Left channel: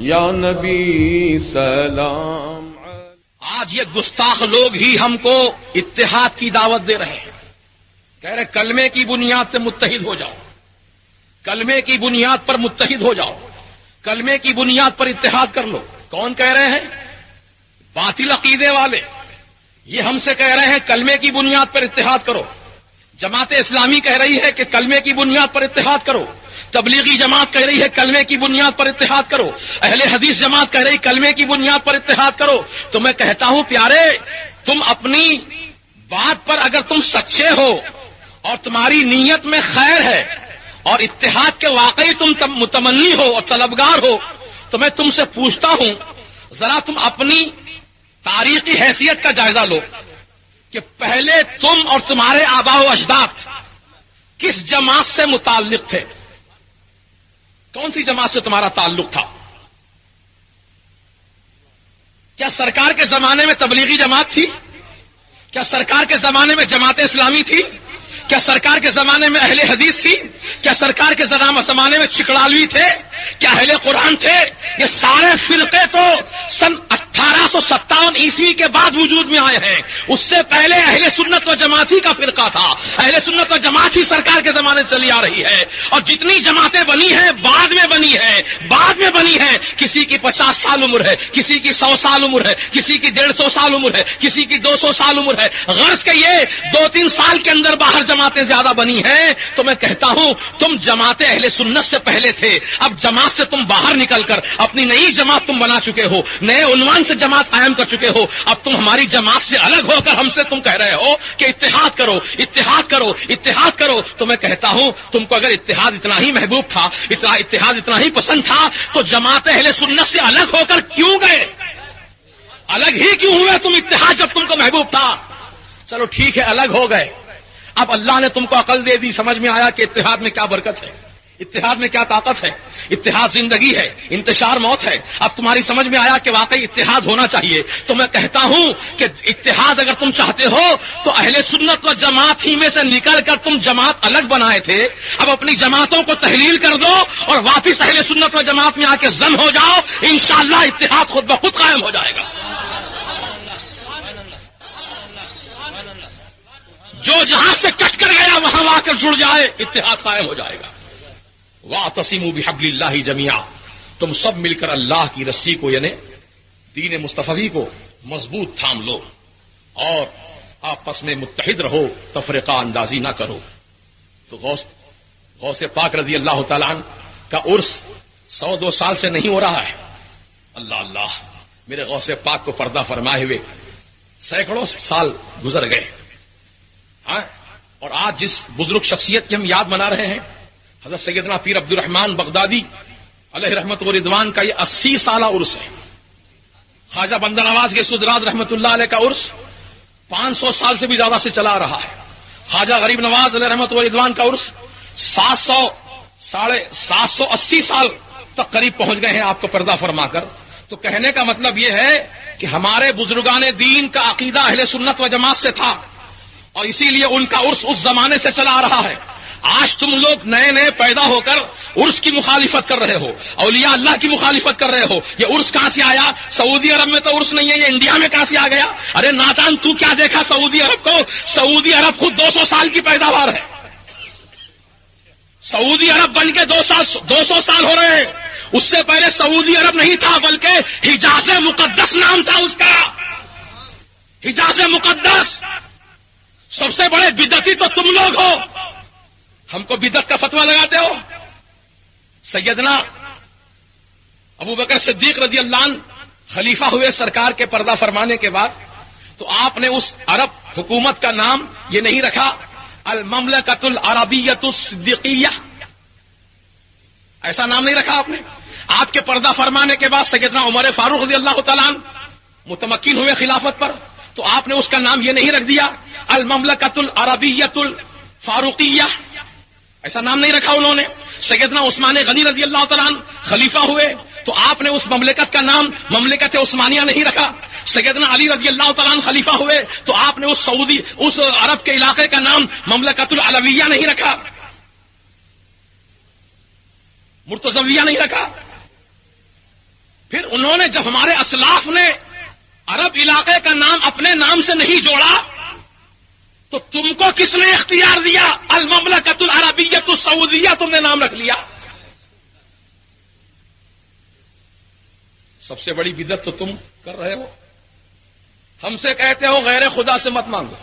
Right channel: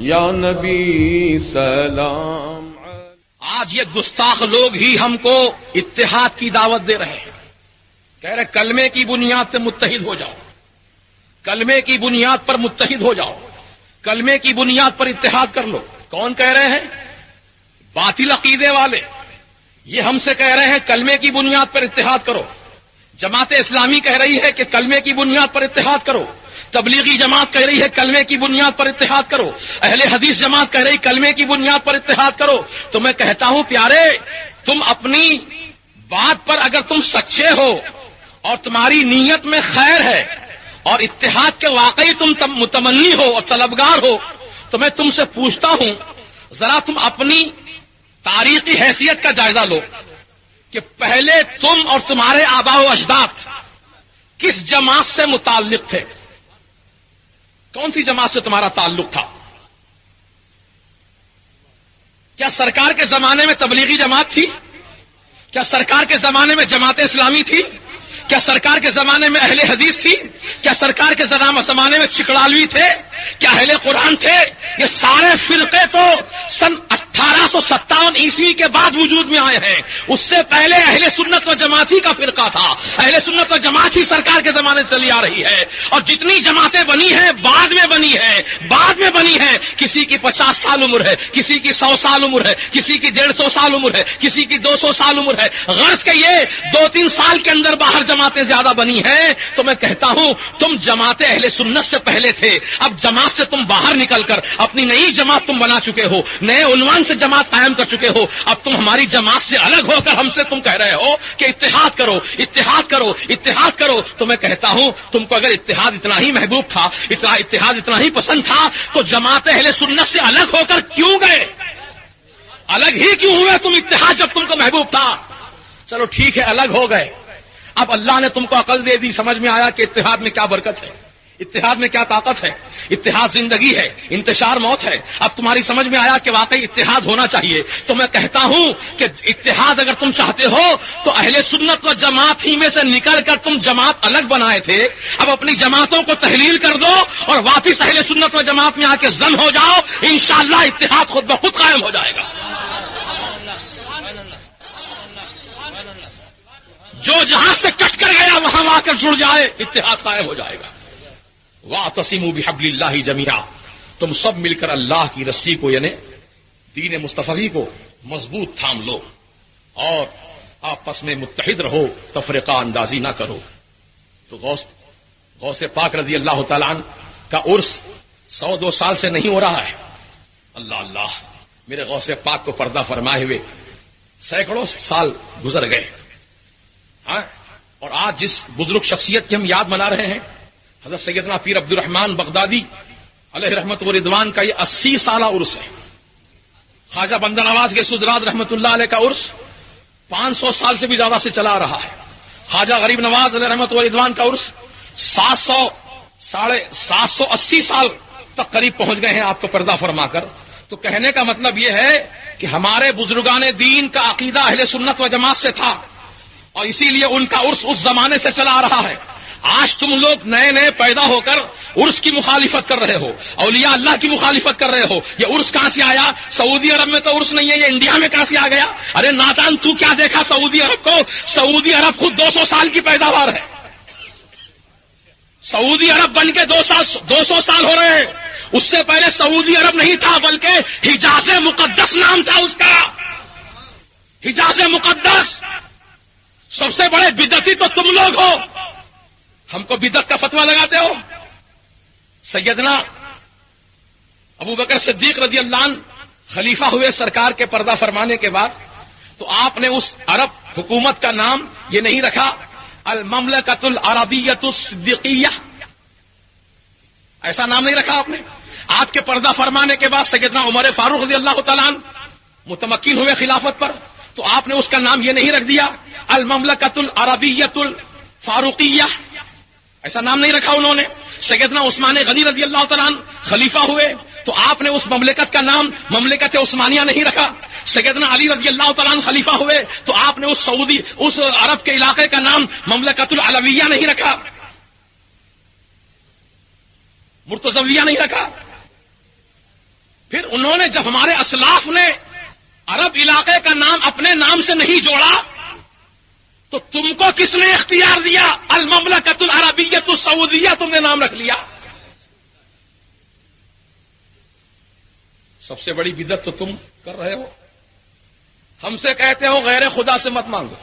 یا نبی سلام. آج یہ گستاخ لوگ ہی ہم کو اتحاد کی دعوت دے رہے ہیں. کہہ رہے کلمے کی بنیاد سے متحد ہو جاؤ، کلمے کی بنیاد پر متحد ہو جاؤ، کلمے کی بنیاد پر اتحاد کر لو. کون کہہ رہے ہیں؟ باطل عقیدے والے. یہ ہم سے کہہ رہے ہیں کلمے کی بنیاد پر اتحاد کرو. جماعت اسلامی کہہ رہی ہے کہ کلمے کی بنیاد پر اتحاد کرو. تبلیغی جماعت کہہ رہی ہے کلمے کی بنیاد پر اتحاد کرو. اہل حدیث جماعت کہہ رہی کلمے کی بنیاد پر اتحاد کرو. تو میں کہتا ہوں پیارے، تم اپنی بات پر اگر تم سچے ہو اور تمہاری نیت میں خیر ہے اور اتحاد کے واقعی تم متمنی ہو اور طلبگار ہو، تو میں تم سے پوچھتا ہوں ذرا تم اپنی تاریخی حیثیت کا جائزہ لو کہ پہلے تم اور تمہارے آباء و اجداد کس جماعت سے متعلق تھے؟ کون سی جماعت سے تمہارا تعلق تھا؟ کیا سرکار کے زمانے میں تبلیغی جماعت تھی؟ کیا سرکار کے زمانے میں جماعت اسلامی تھی؟ کیا سرکار کے زمانے میں اہل حدیث تھی؟ کیا سرکار کے زمانے میں چکڑالوی تھے؟ کیا اہل قرآن تھے؟ یہ سارے فرقے تو سن 1857 عیسوی کے بعد وجود میں آئے ہیں. اس سے پہلے اہل سنت و جماعت ہی کا فرقہ تھا. اہل سنت و جماعت ہی سرکار کے زمانے چلی آ رہی ہے. اور جتنی جماعتیں بنی ہیں بعد میں بنی ہیں. کسی کی 50 سال عمر ہے، کسی کی 100 سال عمر ہے، کسی کی 150 سال عمر ہے، کسی کی 200 سال عمر ہے. غرض کہ یہ 2-3 سال کے اندر باہر جماعتیں زیادہ بنی ہیں. تو میں کہتا ہوں تم جماعت اہل سنت سے پہلے تھے. اب جماعت سے تم باہر نکل کر اپنی نئی جماعت تم بنا چکے ہو، نئے عنوان سے جماعت قائم کر چکے ہو. اب تم ہماری جماعت سے الگ ہو کر ہم سے تم کہہ رہے ہو کہ اتحاد کرو، اتحاد کرو، اتحاد کرو. تو میں کہتا ہوں تم کو اگر اتحاد اتنا ہی محبوب تھا، اتحاد اتنا ہی پسند تھا، تو جماعت اہل سنت سے الگ ہو کر کیوں گئے؟ الگ ہی کیوں ہوئے تم اتحاد جب تم کو محبوب تھا؟ چلو ٹھیک ہے، الگ ہو گئے. اب اللہ نے تم کو عقل دے دی، سمجھ میں آیا کہ اتحاد میں کیا برکت ہے، اتحاد میں کیا طاقت ہے. اتحاد زندگی ہے، انتشار موت ہے. اب تمہاری سمجھ میں آیا کہ واقعی اتحاد ہونا چاہیے. تو میں کہتا ہوں کہ اتحاد اگر تم چاہتے ہو تو اہل سنت و جماعت ہی میں سے نکل کر تم جماعت الگ بنائے تھے. اب اپنی جماعتوں کو تحلیل کر دو اور واپس اہل سنت و جماعت میں آ کے ضم ہو جاؤ. انشاءاللہ اتحاد خود بخود قائم ہو جائے گا. جو جہاں سے کٹ کر گیا وہاں آ کر جڑ جائے، اتحاد قائم ہو جائے گا. وَاعْتَصِمُوا بِحَبْلِ اللَّهِ جَمِيعًا، تم سب مل کر اللہ کی رسی کو یعنی دین مصطفی کو مضبوط تھام لو اور آپس میں متحد رہو، تفرقہ اندازی نہ کرو. تو غوث پاک رضی اللہ تعالیٰ عنہ کا عرس 100-2 سال سے نہیں ہو رہا ہے. اللہ اللہ، میرے غوث پاک کو پردہ فرمائے ہوئے سینکڑوں سال گزر گئے. اور آج جس بزرگ شخصیت کی ہم یاد منا رہے ہیں، حضرت سیدنا پیر عبد الرحمن بغدادی علیہ رحمت و رضوان کا یہ 80 سالہ عرس ہے. خواجہ بندہ نواز گیسودراج رحمت اللہ علیہ کا عرس 500 سال سے بھی زیادہ سے چلا رہا ہے. خواجہ غریب نواز علیہ رحمت و رضوان کا عرس 780 سال تک قریب پہنچ گئے ہیں آپ کو پردہ فرما کر. تو کہنے کا مطلب یہ ہے کہ ہمارے بزرگان دین کا عقیدہ اہل سنت و جماعت سے تھا اور اسی لیے ان کا عرس اس زمانے سے چلا آ رہا ہے. آج تم لوگ نئے پیدا ہو کر عرس کی مخالفت کر رہے ہو، اولیاء اللہ کی مخالفت کر رہے ہو. یہ عرس کہاں سے آیا؟ سعودی عرب میں تو عرس نہیں ہے، یہ انڈیا میں کہاں سے آ گیا؟ ارے نادان، تو کیا دیکھا سعودی عرب کو؟ سعودی عرب خود 200 سال کی پیداوار ہے. سعودی عرب بن کے 200 سال ہو رہے ہیں. اس سے پہلے سعودی عرب نہیں تھا، بلکہ حجاز مقدس نام تھا اس کا. حجاز مقدس. سب سے بڑے بدعتی تو تم لوگ ہو، ہم کو بدعت کا فتویٰ لگاتے ہو. سیدنا ابو بکر صدیق رضی اللہ عنہ خلیفہ ہوئے سرکار کے پردہ فرمانے کے بعد، تو آپ نے اس عرب حکومت کا نام یہ نہیں رکھا المملکۃ العربیۃ الصدیقیہ، ایسا نام نہیں رکھا آپ نے. آپ کے پردہ فرمانے کے بعد سیدنا عمر فاروق رضی اللہ تعالیٰ عنہ متمکن ہوئے خلافت پر، تو آپ نے اس کا نام یہ نہیں رکھ دیا المملکۃ العربیۃ الفاروقیہ، ایسا نام نہیں رکھا انہوں نے. سیدنا عثمان غنی رضی اللہ تعالیٰ عنہ خلیفہ ہوئے تو آپ نے اس مملکت کا نام مملکت عثمانیہ نہیں رکھا. سیدنا علی رضی اللہ تعالیٰ عنہ خلیفہ ہوئے تو آپ نے اس عرب کے علاقے کا نام مملکت العلویہ نہیں رکھا، مرتضویہ نہیں رکھا. پھر انہوں نے جب ہمارے اسلاف نے عرب علاقے کا نام اپنے نام سے نہیں جوڑا تو تم کو کس نے اختیار دیا؟ المملکۃ العربیۃ السعودیہ تم نے نام رکھ لیا. سب سے بڑی بدعت تو تم کر رہے ہو. ہم سے کہتے ہو غیر خدا سے مت مانگو،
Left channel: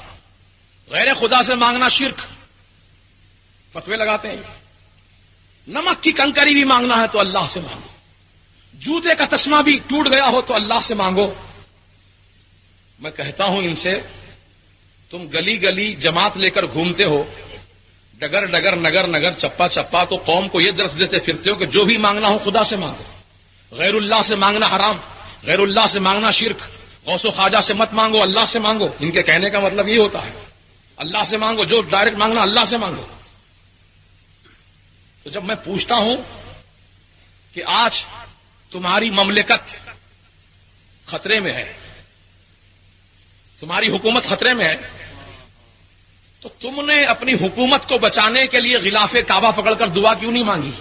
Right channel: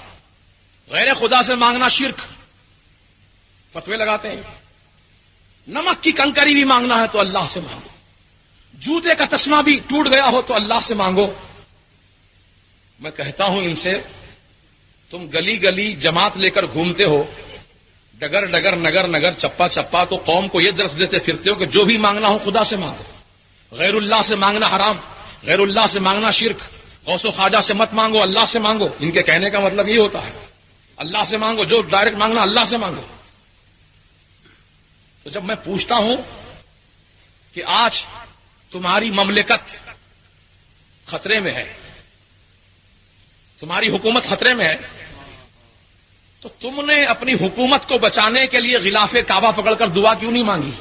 غیر خدا سے مانگنا شرک. فتوے لگاتے ہیں نمک کی کنکری بھی مانگنا ہے تو اللہ سے مانگو، جوتے کا تسمہ بھی ٹوٹ گیا ہو تو اللہ سے مانگو. میں کہتا ہوں ان سے، تم گلی گلی جماعت لے کر گھومتے ہو، ڈگر ڈگر نگر نگر چپا چپا، تو قوم کو یہ درس دیتے پھرتے ہو کہ جو بھی مانگنا ہو خدا سے مانگو، غیر اللہ سے مانگنا حرام، غیر اللہ سے مانگنا شرک، غوث و خواجہ سے مت مانگو، اللہ سے مانگو. ان کے کہنے کا مطلب یہ ہوتا ہے اللہ سے مانگو، جو ڈائریکٹ مانگنا اللہ سے مانگو. تو جب میں پوچھتا ہوں کہ آج تمہاری مملکت خطرے میں ہے، تمہاری حکومت خطرے میں ہے، تو تم نے اپنی حکومت کو بچانے کے لیے غلاف کعبہ پکڑ کر دعا کیوں نہیں مانگی؟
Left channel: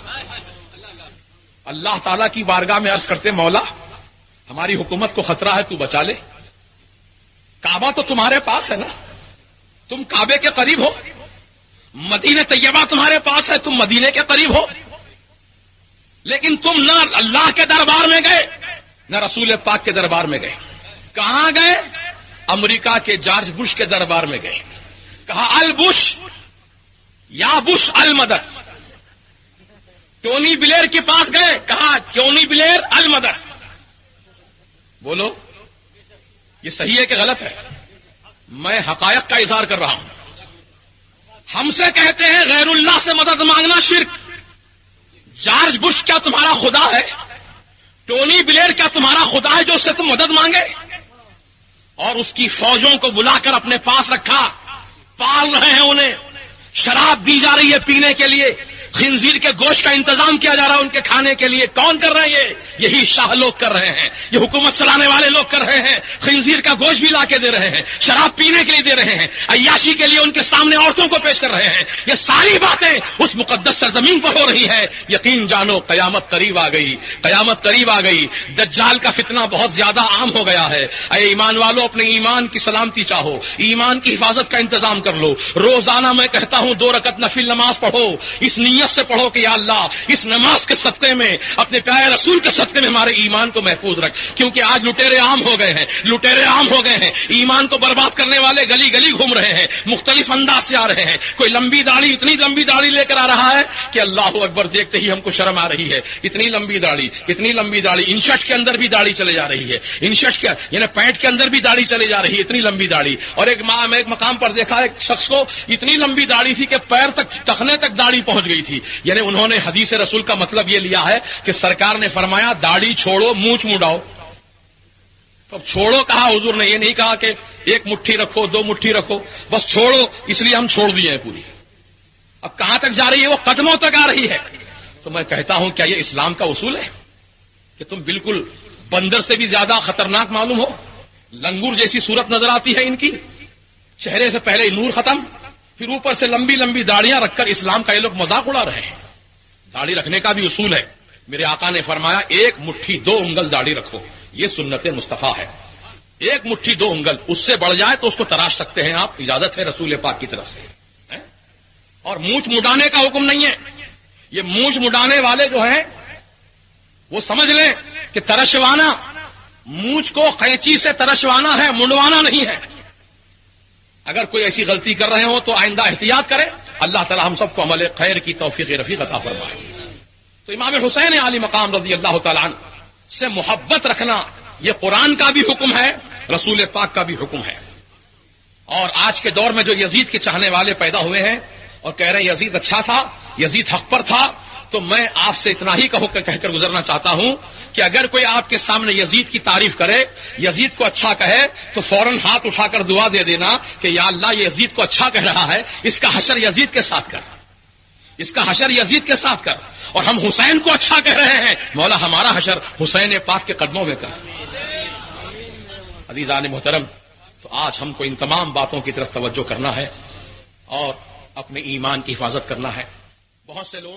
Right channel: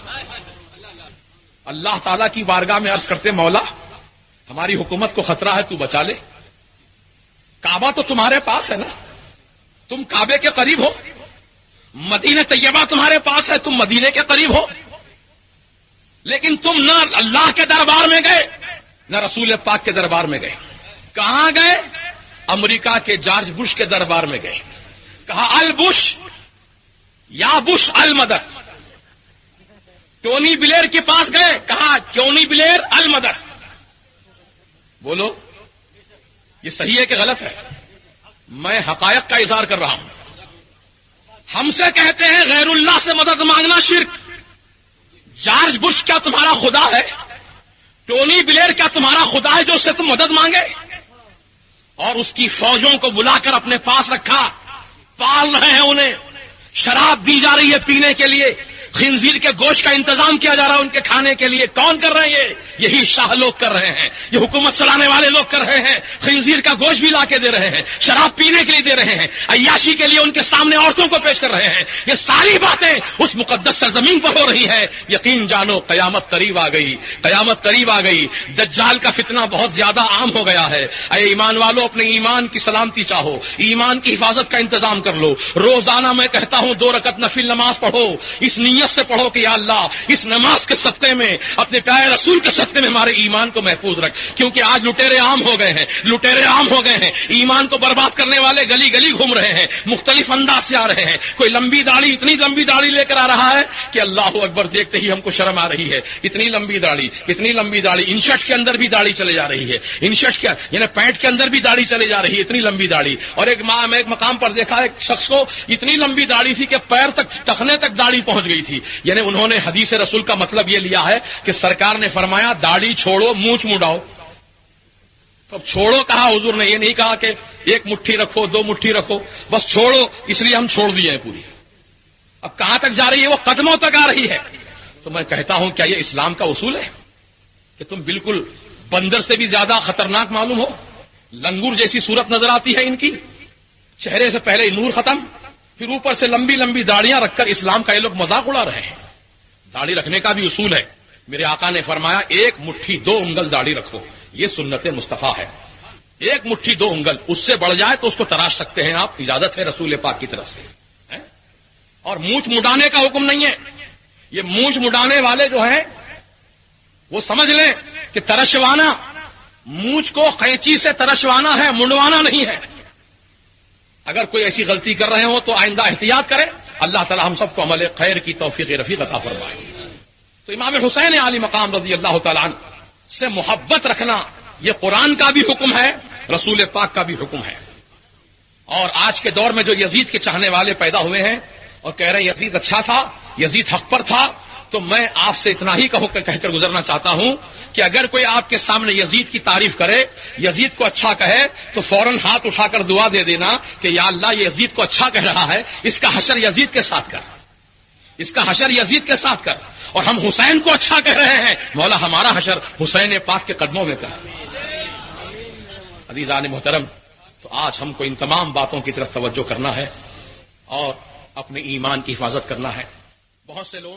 اللہ تعالیٰ کی بارگاہ میں عرض کرتے مولا ہماری حکومت کو خطرہ ہے، تو بچا لے. کعبہ تو تمہارے پاس ہے نا، تم کعبے کے قریب ہو. مدینہ طیبہ تمہارے پاس ہے، تم مدینے کے قریب ہو. لیکن تم نہ اللہ کے دربار میں گئے نہ رسول پاک کے دربار میں گئے. کہاں گئے؟ امریکہ کے جارج بش کے دربار میں گئے. کہا البش یا بش المدد. ٹونی بلیر کے پاس گئے، کہا ٹونی بلیر المدد. بولو یہ صحیح ہے کہ غلط ہے؟ میں حقائق کا اظہار کر رہا ہوں. ہم سے کہتے ہیں غیر اللہ سے مدد مانگنا شرک. جارج بش کیا تمہارا خدا ہے؟ ٹونی بلیر کیا تمہارا خدا ہے جو اس سے تم مدد مانگے؟ اور اس کی فوجوں کو بلا کر اپنے پاس رکھا، پال رہے ہیں انہیں، شراب دی جا رہی ہے پینے کے لیے، خنزیر کے گوشت کا انتظام کیا جا رہا ہے ان کے کھانے کے لیے. کون کر رہے ہیں؟ یہی شاہ لوگ کر رہے ہیں، یہ حکومت چلانے والے لوگ کر رہے ہیں. خنزیر کا گوشت بھی لا کے دے رہے ہیں، شراب پینے کے لیے دے رہے ہیں، عیاشی کے لیے ان کے سامنے عورتوں کو پیش کر رہے ہیں. یہ ساری باتیں اس مقدس سرزمین پر ہو رہی ہے. یقین جانو قیامت قریب آ گئی، قیامت قریب آ گئی. دجال کا فتنہ بہت زیادہ عام ہو گیا ہے. اے ایمان والو اپنے ایمان کی سلامتی چاہو، ایمان کی حفاظت کا انتظام کر لو. روزانہ میں کہتا ہوں 2 رکعت نفل نماز پڑھو، اس نیت سے پڑھو کہ یا اللہ اس نماز کے صدقے میں، اپنے پیارے رسول کے صدقے میں ہمارے ایمان کو محفوظ رکھ. کیونکہ آج لٹیرے عام ہو گئے ہیں، لٹیرے عام ہو گئے ہیں. ایمان کو برباد کرنے والے گلی گلی گھوم رہے ہیں، مختلف انداز سے آ رہے ہیں. کوئی لمبی داڑھی، اتنی لمبی داڑھی لے کر آ رہا ہے کہ اللہ اکبر دیکھتے ہی ہم کو شرم آ رہی ہے. اتنی لمبی داڑھی، اتنی لمبی داڑھی، انشرٹ کے اندر بھی داڑھی چلے جا رہی ہے. انشرٹ کیا یعنی پینٹ کے اندر بھی داڑھی چلے جا رہی ہے، اتنی لمبی داڑھی. اور ایک مقام پر دیکھا ایک شخص کو اتنی لمبی داڑھی تھی کہ پیر تک ٹخنے تک داڑھی پہنچ گئی تھی. یعنی انہوں نے حدیث رسول کا مطلب یہ لیا ہے کہ سرکار نے فرمایا داڑھی چھوڑو، مونچھ مڈاؤ. تو چھوڑو کہا حضور نے، یہ نہیں کہا کہ 1 مٹھی رکھو 2 مٹھی رکھو، بس چھوڑو، اس لیے ہم چھوڑ دیے ہیں پوری. اب کہاں تک جا رہی ہے؟ وہ قدموں تک آ رہی ہے. تو میں کہتا ہوں کیا یہ اسلام کا اصول ہے کہ تم بالکل بندر سے بھی زیادہ خطرناک معلوم ہو؟ لنگور جیسی صورت نظر آتی ہے ان کی، چہرے سے پہلے نور ختم، پھر اوپر سے لمبی لمبی داڑیاں رکھ کر اسلام کا یہ لوگ مذاق اڑا رہے ہیں. داڑھی رکھنے کا بھی اصول ہے. میرے آقا نے فرمایا 1 مٹھی 2 انگل داڑھی رکھو، یہ سنت مصطفیٰ ہے. 1 مٹھی 2 انگل، اس سے بڑھ جائے تو اس کو تراش سکتے ہیں آپ، اجازت ہے رسول پاک کی طرف سے. اور مونچھ مڈانے کا حکم نہیں ہے. یہ مونچھ مڈانے والے جو ہیں وہ سمجھ لیں کہ ترشوانا، مونچھ کو قینچی سے ترشوانا ہے، منڈوانا نہیں ہے. اگر کوئی ایسی غلطی کر رہے ہو تو آئندہ احتیاط کریں. اللہ تعالی ہم سب کو عمل خیر کی توفیق رفیق عطا فرمائے. تو امام حسین علی مقام رضی اللہ تعالیٰ عنہ سے محبت رکھنا یہ قرآن کا بھی حکم ہے، رسول پاک کا بھی حکم ہے. اور آج کے دور میں جو یزید کے چاہنے والے پیدا ہوئے ہیں اور کہہ رہے ہیں یزید اچھا تھا، یزید حق پر تھا، تو میں آپ سے اتنا ہی کہہ کر گزرنا چاہتا ہوں کہ اگر کوئی آپ کے سامنے یزید کی تعریف کرے، یزید کو اچھا کہے، تو فوراً ہاتھ اٹھا کر دعا دے دینا کہ یا اللہ یہ یزید کو اچھا کہہ رہا ہے، اس کا حشر یزید کے ساتھ کر، اس کا حشر یزید کے ساتھ کر. اور ہم حسین کو اچھا کہہ رہے ہیں، مولا ہمارا حشر حسین پاک کے قدموں میں کر. عزیزان محترم، تو آج ہم کو ان تمام باتوں کی طرف توجہ کرنا ہے اور اپنے ایمان کی حفاظت کرنا ہے. بہت سے لوگ